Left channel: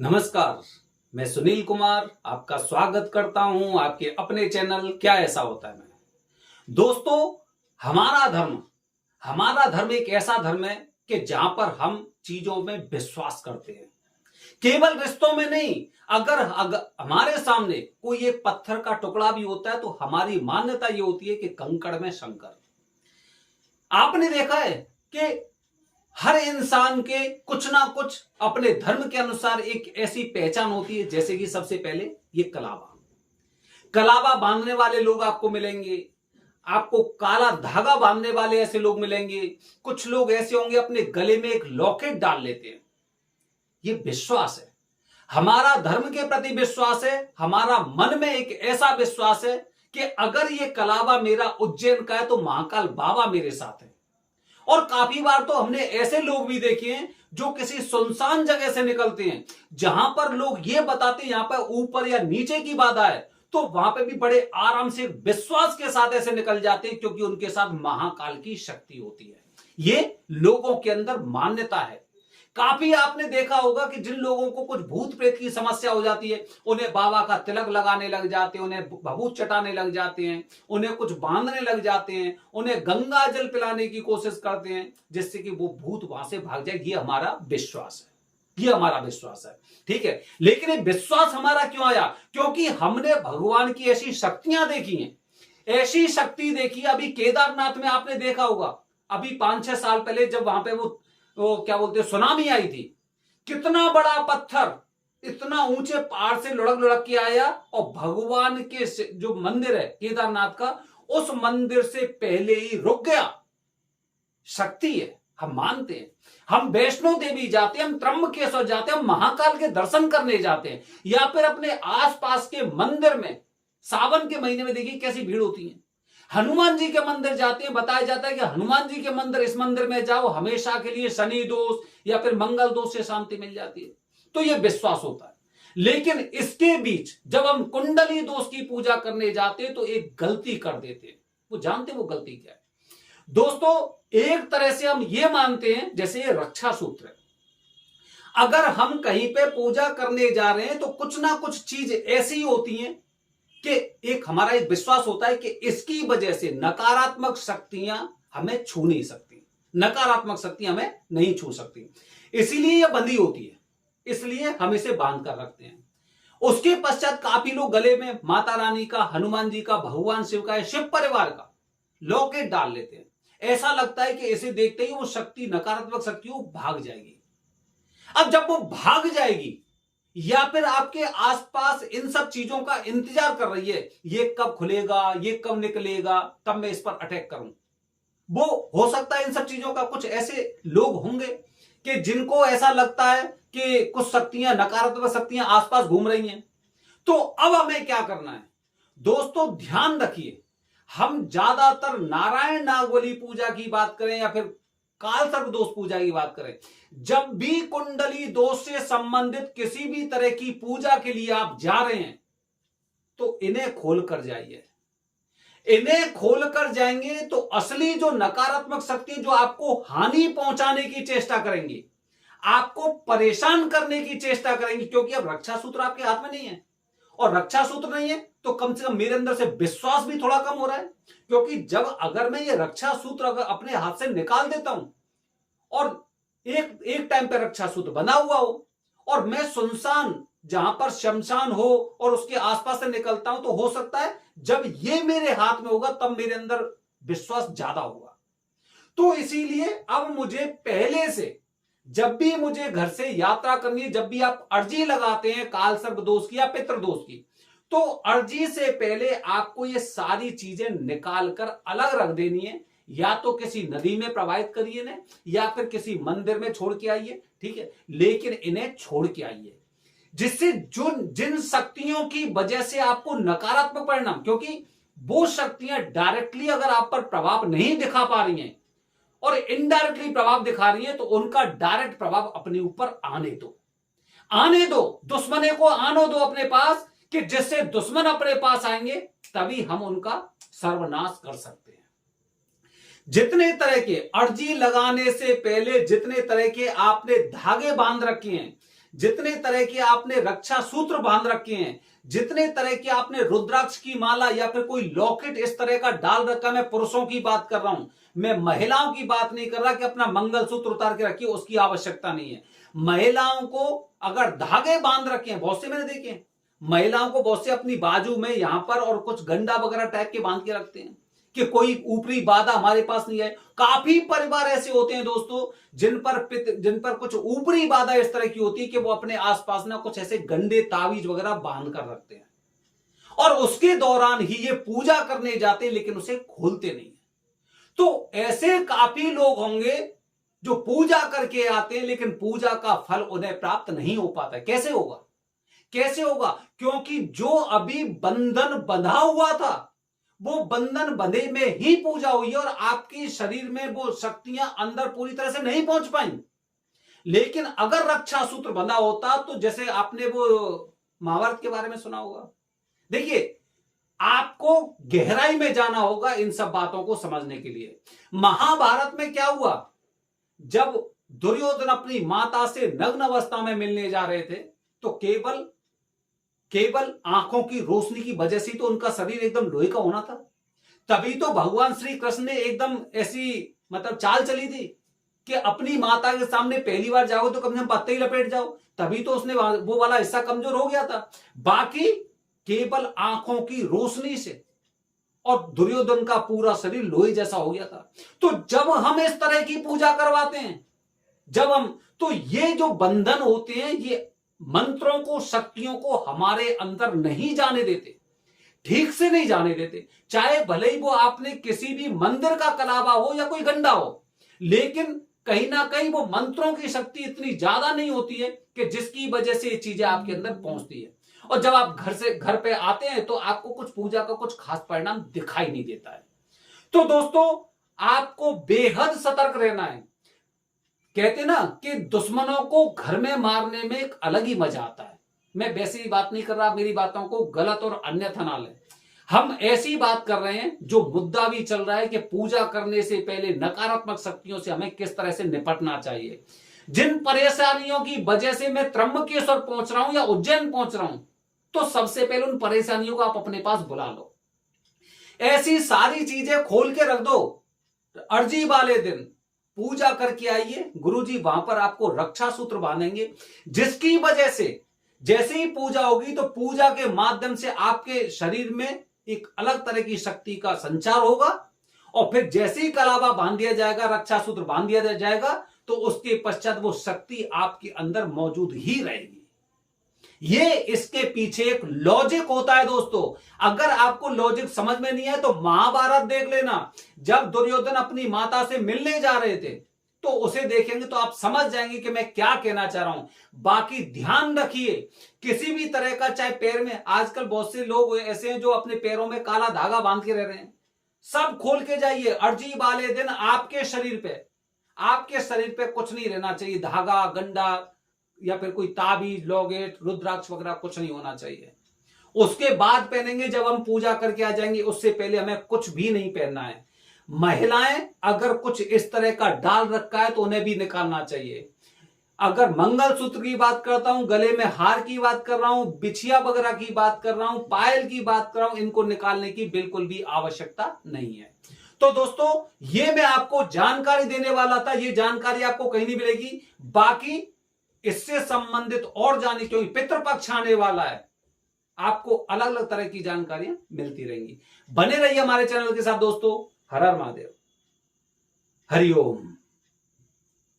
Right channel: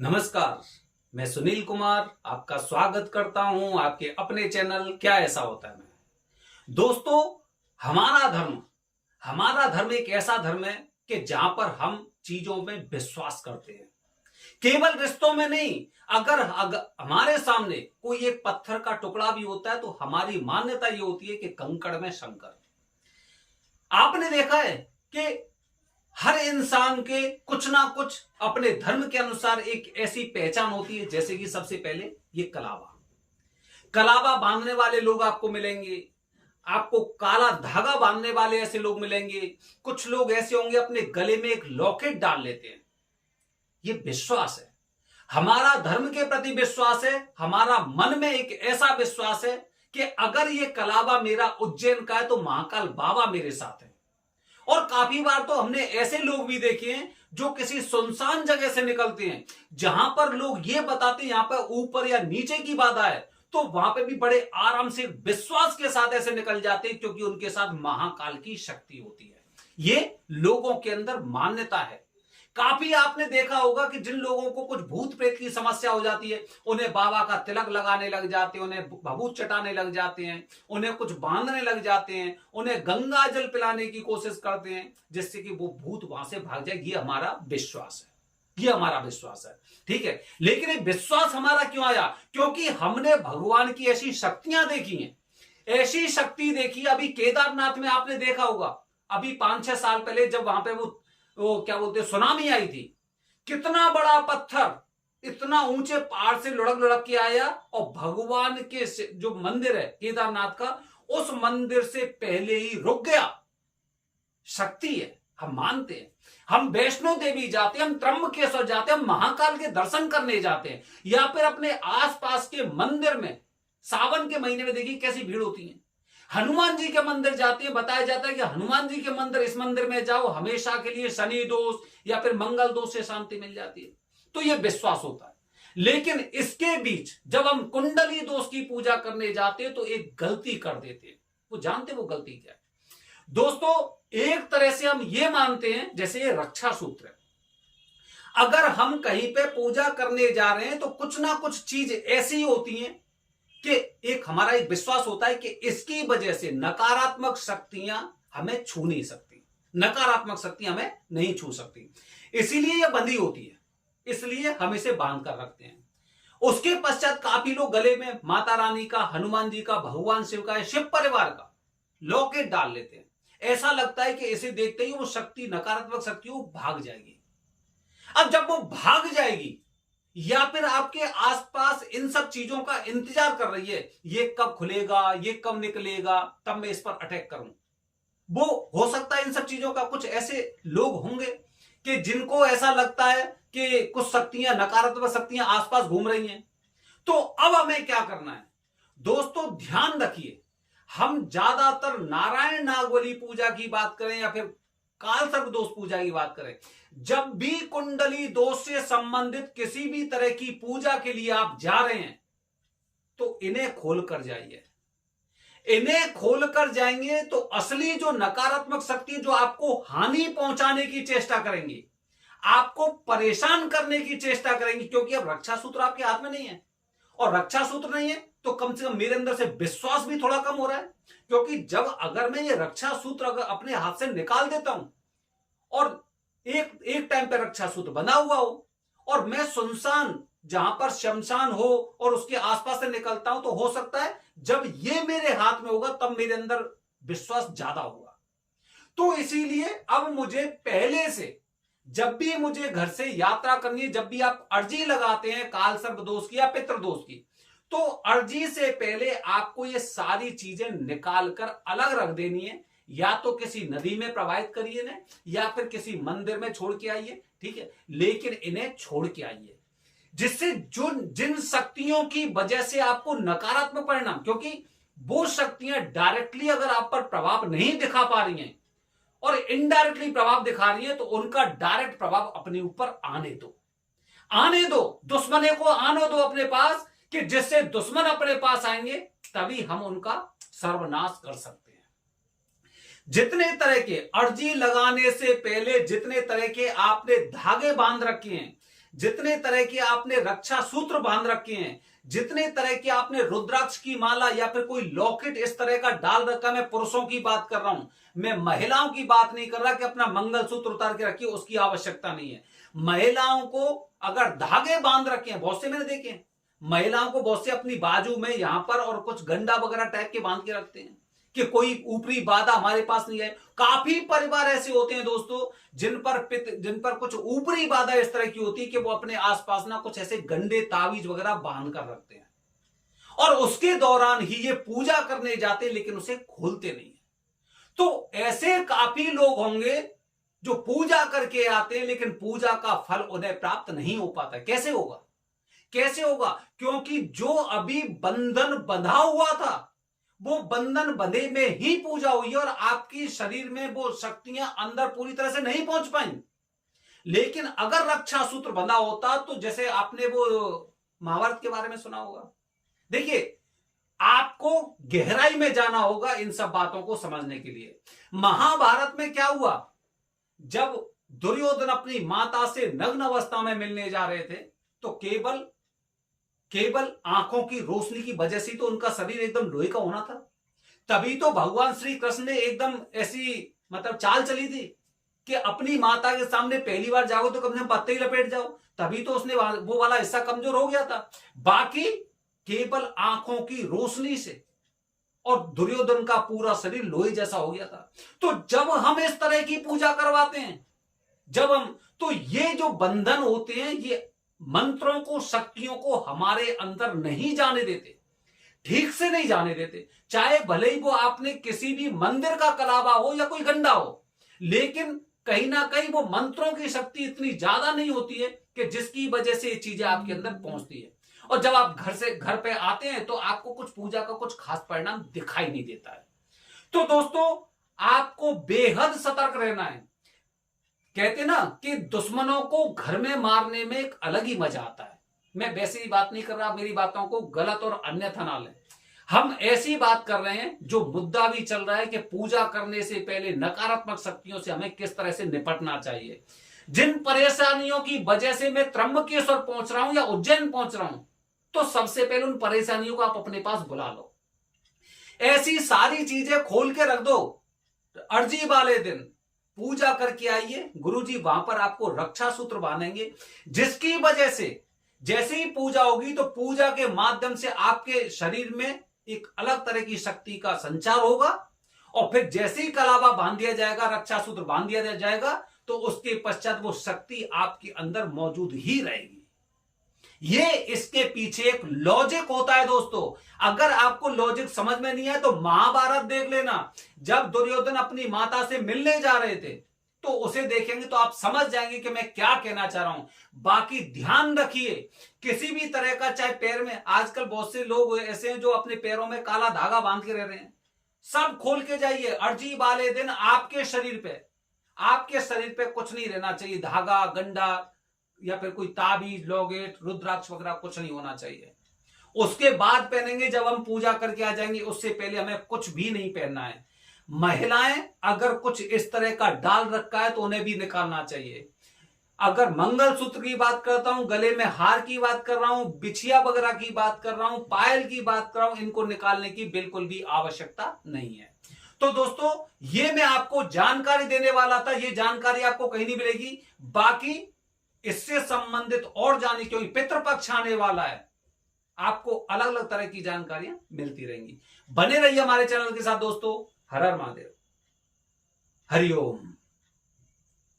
नमस्कार। मैं सुनील कुमार आपका स्वागत करता हूं आपके अपने चैनल क्या ऐसा होता है में। दोस्तों, हमारा धर्म एक ऐसा धर्म है कि जहां पर हम चीजों में विश्वास करते हैं, केवल रिश्तों में नहीं। अगर हमारे सामने कोई एक पत्थर का टुकड़ा भी होता है तो हमारी मान्यता ये होती है कि कंकड़ में शंकर। आपने देखा है कि हर इंसान के कुछ ना कुछ अपने धर्म के अनुसार एक ऐसी पहचान होती है, जैसे कि सबसे पहले ये कलावा कलावा बांधने वाले लोग आपको मिलेंगे। आपको काला धागा बांधने वाले ऐसे लोग मिलेंगे। कुछ लोग ऐसे होंगे अपने गले में एक लॉकेट डाल लेते हैं। ये विश्वास है, हमारा धर्म के प्रति विश्वास है। हमारा मन में एक ऐसा विश्वास है कि अगर ये कलावा मेरा उज्जैन का है तो महाकाल बाबा मेरे साथ है। और काफी बार तो हमने ऐसे लोग भी देखे हैं जो किसी सुनसान जगह से निकलते हैं, जहां पर लोग ये बताते हैं यहां पर ऊपर या नीचे की बाधा है, तो वहां पे भी बड़े आराम से विश्वास के साथ ऐसे निकल जाते हैं, क्योंकि उनके साथ महाकाल की शक्ति होती है। ये लोगों के अंदर मान्यता है। काफी आपने देखा होगा कि जिन लोगों को कुछ भूत प्रेत की समस्या हो जाती है, उन्हें बाबा का तिलक लगाने लग जाते हैं, उन्हें भभूत चटाने लग जाते हैं, उन्हें कुछ बांधने लग जाते हैं, उन्हें गंगा जल पिलाने की कोशिश करते हैं, जिससे कि वो भूत वहां से भाग जाए। ये हमारा विश्वास है, ये हमारा विश्वास है। ठीक है, लेकिन ये विश्वास हमारा क्यों आया? क्योंकि हमने भगवान की ऐसी शक्तियां देखी हैं। ऐसी शक्ति देखी अभी केदारनाथ में, आपने देखा होगा अभी 5-6 साल पहले जब वहां पे वो क्या बोलते सुनामी आई थी। कितना बड़ा पत्थर इतना ऊंचे पहाड़ से लुढ़क लुढ़क के आया और भगवान के जो मंदिर है केदारनाथ का, उस मंदिर से पहले ही रुक गया। शक्ति है, हम मानते हैं। हम वैष्णो देवी जाते हैं, हम त्र्यंबकेश्वर जाते हैं, हम महाकाल के दर्शन करने जाते हैं, या फिर अपने आसपास के मंदिर में सावन के महीने में देखिए कैसी भीड़ होती है। हनुमान जी के मंदिर जाते हैं, बताया जाता है कि हनुमान जी के मंदिर, इस मंदिर में जाओ हमेशा के लिए शनि दोष या फिर मंगल दोष से शांति मिल जाती है। तो यह विश्वास होता है। लेकिन इसके बीच जब हम कुंडली दोष की पूजा करने जाते हैं तो एक गलती कर देते हैं। वो जानते वो गलती क्या है? दोस्तों, एक तरह से हम ये मानते हैं जैसे ये रक्षा सूत्र है। अगर हम कहीं पे पूजा करने जा रहे हैं तो कुछ ना कुछ चीज ऐसी होती हैं कि एक हमारा एक विश्वास होता है कि इसकी वजह से नकारात्मक शक्तियां हमें छू नहीं सकती, नकारात्मक शक्तियां हमें नहीं छू सकती, इसीलिए यह बंधी होती है, इसलिए हम इसे बांध कर रखते हैं। उसके पश्चात काफी लोग गले में माता रानी का, हनुमान जी का, भगवान शिव का, शिव परिवार का लॉकेट डाल लेते हैं। ऐसा लगता है कि इसे देखते ही वो शक्ति, नकारात्मक शक्ति वो भाग जाएगी। अब जब वो भाग जाएगी या फिर आपके आसपास इन सब चीजों का इंतजार कर रही है, ये कब खुलेगा, ये कब निकलेगा, तब मैं इस पर अटैक करूं, वो हो सकता है इन सब चीजों का कुछ ऐसे लोग होंगे कि जिनको ऐसा लगता है कि कुछ शक्तियां, नकारात्मक शक्तियां आसपास घूम रही हैं। तो अब हमें क्या करना है? दोस्तों, ध्यान रखिए, हम ज्यादातर नारायण नागबली पूजा की बात करें या फिर काल सर्प दोष पूजा की बात करें, जब भी कुंडली दोष से संबंधित किसी भी तरह की पूजा के लिए आप जा रहे हैं तो इन्हें खोल कर जाइए। इन्हें खोल कर जाएंगे तो असली जो नकारात्मक शक्ति जो आपको हानि पहुंचाने की चेष्टा करेंगी, आपको परेशान करने की चेष्टा करेंगी, क्योंकि अब रक्षा सूत्र आपके हाथ में नहीं है। और रक्षा सूत्र नहीं है तो कम से कम मेरे अंदर से विश्वास भी थोड़ा कम हो रहा है, क्योंकि जब अगर मैं ये रक्षा सूत्र अगर अपने हाथ से निकाल देता हूं और एक टाइम पे रक्षा सूत्र बना हुआ हो और मैं सुनसान जहां पर शमशान हो और उसके आसपास से निकलता हूं, तो हो सकता है जब ये मेरे हाथ में होगा तब मेरे अंदर विश्वास ज्यादा होगा। तो इसीलिए अब मुझे पहले से, जब भी मुझे घर से यात्रा करनी है, जब भी आप अर्जी लगाते हैं काल सर्प दोष की या पितृ दोष की, तो अर्जी से पहले आपको ये सारी चीजें निकाल कर अलग रख देनी है। या तो किसी नदी में प्रवाहित करिए ना, या फिर किसी मंदिर में छोड़ के आइए, ठीक है, लेकिन इन्हें छोड़ के आइए, जिससे जिन शक्तियों की वजह से आपको नकारात्मक परिणाम, क्योंकि वो शक्तियां डायरेक्टली अगर आप पर प्रभाव नहीं दिखा पा रही हैं और इनडायरेक्टली प्रभाव दिखा रही है, तो उनका डायरेक्ट प्रभाव अपने ऊपर आने दो, दुश्मने को आने दो अपने पास, कि जिससे दुश्मन अपने पास आएंगे तभी हम उनका सर्वनाश कर सकते हैं। जितने तरह के अर्जी लगाने से पहले जितने तरह के आपने धागे बांध रखे हैं, जितने तरह के आपने रक्षा सूत्र बांध रखे हैं, जितने तरह के आपने रुद्राक्ष की माला या फिर कोई लॉकेट इस तरह का डाल रखा, मैं पुरुषों की बात कर रहा हूं, मैं महिलाओं की बात नहीं कर रहा कि अपना मंगलसूत्र उतार के रखिए, उसकी आवश्यकता नहीं है। महिलाओं को अगर धागे बांध रखे हैं, बहुत से मैंने देखे हैं, महिलाओं को बहुत से अपनी बाजू में यहां पर और कुछ गंडा वगैरह टाइप के बांध के रखते हैं कि कोई ऊपरी बाधा हमारे पास नहीं है। काफी परिवार ऐसे होते हैं दोस्तों जिन पर कुछ ऊपरी बाधा इस तरह की होती है कि वो अपने आसपास ना कुछ ऐसे गंदे तावीज वगैरह बांध कर रखते हैं और उसके दौरान ही ये पूजा करने जाते हैं, लेकिन उसे खोलते नहीं। तो ऐसे काफी लोग होंगे जो पूजा करके आते हैं लेकिन पूजा का फल उन्हें प्राप्त नहीं हो पाता। कैसे होगा? कैसे होगा? क्योंकि जो अभी बंधन बंधा हुआ था वो बंधन बंधे में ही पूजा हुई और आपकी शरीर में वो शक्तियां अंदर पूरी तरह से नहीं पहुंच पाई। लेकिन अगर रक्षा सूत्र बंधा होता तो जैसे आपने वो महाभारत के बारे में सुना होगा, देखिए आपको गहराई में जाना होगा इन सब बातों को समझने के लिए। महाभारत में क्या हुआ, जब दुर्योधन अपनी माता से नग्न अवस्था में मिलने जा रहे थे तो केवल आंखों की रोशनी की वजह से तो उनका शरीर एकदम लोहे का होना था। तभी तो भगवान श्री कृष्ण ने एकदम ऐसी मतलब चाल चली थी कि अपनी माता के सामने पहली बार जाओ तो कम से कम पत्ते ही लपेट जाओ, तभी तो उसने वो वाला हिस्सा कमजोर हो गया था। बाकी केवल आंखों की रोशनी से और दुर्योधन का पूरा शरीर लोहे जैसा हो गया था। तो जब हम इस तरह की पूजा करवाते हैं, तो ये जो बंधन होते हैं ये मंत्रों को, शक्तियों को हमारे अंदर नहीं जाने देते, ठीक से नहीं जाने देते। चाहे भले ही वो आपने किसी भी मंदिर का कलावा हो या कोई गंडा हो, लेकिन कहीं ना कहीं वो मंत्रों की शक्ति इतनी ज्यादा नहीं होती है कि जिसकी वजह से ये चीजें आपके अंदर पहुंचती है। और जब आप घर पे आते हैं तो आपको कुछ पूजा का कुछ खास परिणाम दिखाई नहीं देता है। तो दोस्तों आपको बेहद सतर्क रहना है। कहते ना कि दुश्मनों को घर में मारने में एक अलग ही मजा आता है। मैं वैसे ही बात नहीं कर रहा, मेरी बातों को गलत और अन्यथा ना लें। हम ऐसी बात कर रहे हैं जो मुद्दा भी चल रहा है कि पूजा करने से पहले नकारात्मक शक्तियों से हमें किस तरह से निपटना चाहिए। जिन परेशानियों की वजह से मैं त्र्यंबकेश्वर पहुंच रहा हूं या उज्जैन पहुंच रहा हूं, तो सबसे पहले उन परेशानियों को आप अपने पास बुला लो। ऐसी सारी चीजें खोल के रख दो। अर्जी वाले दिन पूजा करके आइए, गुरुजी वहां पर आपको रक्षा सूत्र बांधेंगे, जिसकी वजह से जैसे ही पूजा होगी तो पूजा के माध्यम से आपके शरीर में एक अलग तरह की शक्ति का संचार होगा। और फिर जैसे ही कलावा बांध दिया जाएगा, रक्षा सूत्र बांध दिया जाएगा, तो उसके पश्चात वो शक्ति आपके अंदर मौजूद ही रहेगी। ये इसके पीछे एक लॉजिक होता है दोस्तों। अगर आपको लॉजिक समझ में नहीं है तो महाभारत देख लेना। जब दुर्योधन अपनी माता से मिलने जा रहे थे तो उसे देखेंगे तो आप समझ जाएंगे कि मैं क्या कहना चाह रहा हूं। बाकी ध्यान रखिए, किसी भी तरह का, चाहे पैर में, आजकल बहुत से लोग ऐसे हैं जो अपने पैरों में काला धागा बांध के रह रहे हैं, सब खोल के जाइए। अर्जी वाले दिन आपके शरीर पे कुछ नहीं रहना चाहिए, धागा, गंडा या फिर कोई ताबीज, लॉकेट, रुद्राक्ष वगैरह कुछ नहीं होना चाहिए। उसके बाद पहनेंगे जब हम पूजा करके आ जाएंगे, उससे पहले हमें कुछ भी नहीं पहनना है। महिलाएं अगर कुछ इस तरह का डाल रखा है तो उन्हें भी निकालना चाहिए। अगर मंगलसूत्र की बात करता हूं, गले में हार की बात कर रहा हूं, बिछिया वगैरह की बात कर रहा हूं, पायल की बात कर रहा हूं, इनको निकालने की बिल्कुल भी आवश्यकता नहीं है। तो दोस्तों ये मैं आपको जानकारी देने वाला था, ये जानकारी आपको कहीं नहीं मिलेगी। बाकी इससे संबंधित और जाने, क्योंकि पितृपक्ष आने वाला है, आपको अलग अलग तरह की जानकारियां मिलती रहेंगी। बने रहिए हमारे चैनल के साथ दोस्तों। हर हर महादेव, हरिओम।